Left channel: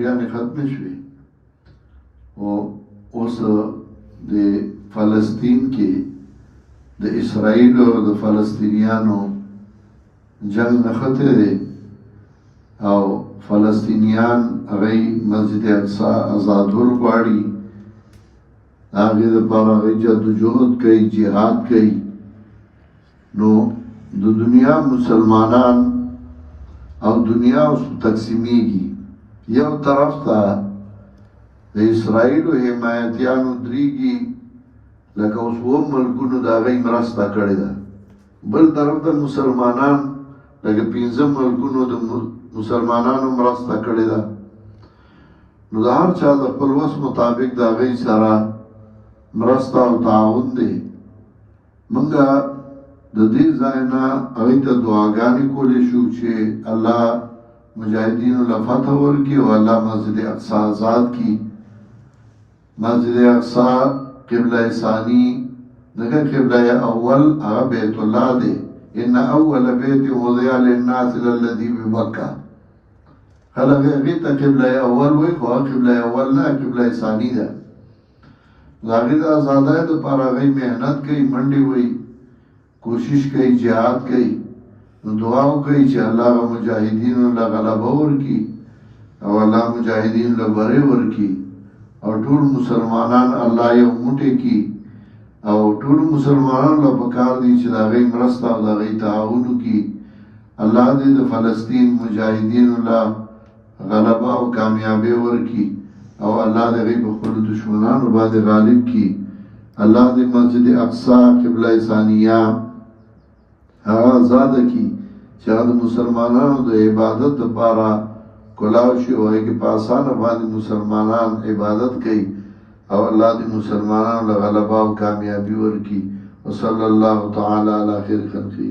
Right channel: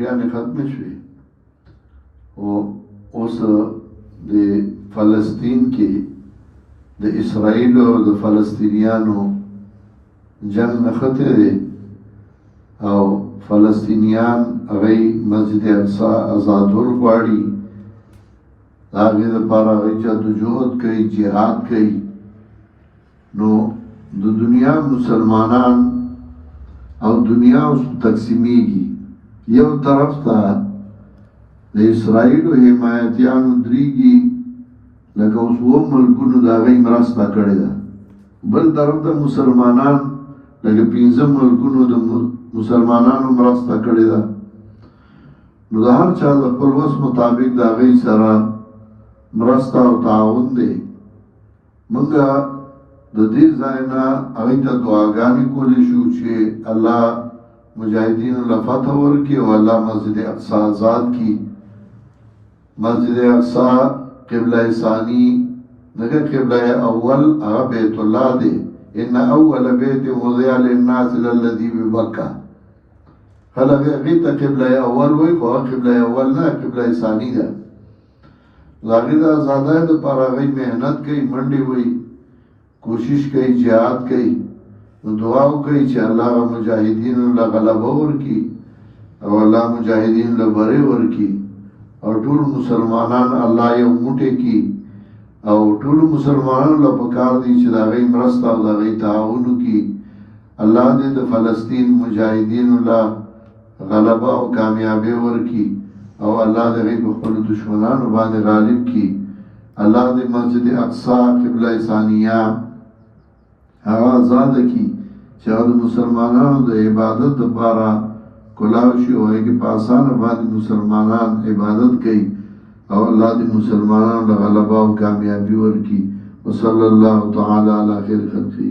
ټوټیانې ختمې شوې او اوس د فلسطین کې د اسرائیل او د فلسطینیانو جنگ نښتی دی او فلسطینیان هغه مسجد اقصی آزادول غواړي د هغې دپاره هغوی جدوجهد کوي جهاد کوي نو د دنیا مسلمانان او دنیا اوس تقسیمیږي یو طرف ته د اسرائیلو حمایتیانو درېږي لکه اوس اووه ملکونو د هغوی مرسته کړې ده بل طرف ته مسلمانان لکه پنځه ملکونو د مسلمانانو مرسته کړې ده نو د هر چا د خپل وس مطابق د هغوی سره مرسته او تعاون دی موږ د دې ځای نه هغوی ته دعاګانې کولی شو چې الله مجاهدینو له فتح ورکړي او الله مسجد اقصی آزاد کړي مسجد اقصی قبله ثانی دغه قبله اول هغه بیت الله دی ان اول بیت وضع للناس للذي ببکه خلک هغې ته قبله اول وایي خو هغه قبله اول نه قبله ثانی ده د هغې د ازادۍ دپاره هغوی محنت کوي منډې وایي کوشش کوي جهاد کوي نو دعا وکړئ چې الله هغه مجاهدینو له غلبه ورکړي او الله مجاهدینو له بری ورکړي او ټول مسلمانان الله یو موټی کړي او ټول مسلمانانو له پکار دي چې د هغوی مرسته او د هغوی تعاون وکړي الله دې د فلسطین مجاهدینو له غلبه او کامیابي ورکړي او الله د هغوی په خپلو دشمنانو باندې غالب کړي الله دې مسجد اقصی قبله ثانیه هغه آزاده کړي چې هغه د مسلمانانو د عبادت دپاره کلاو شي او هغې کې په اسانه باندې مسلمانان عبادت کوي او الله دې مسلمانانو له غلبه او کامیابي ورکړي وصلی الله تعالی علی خیر خلقه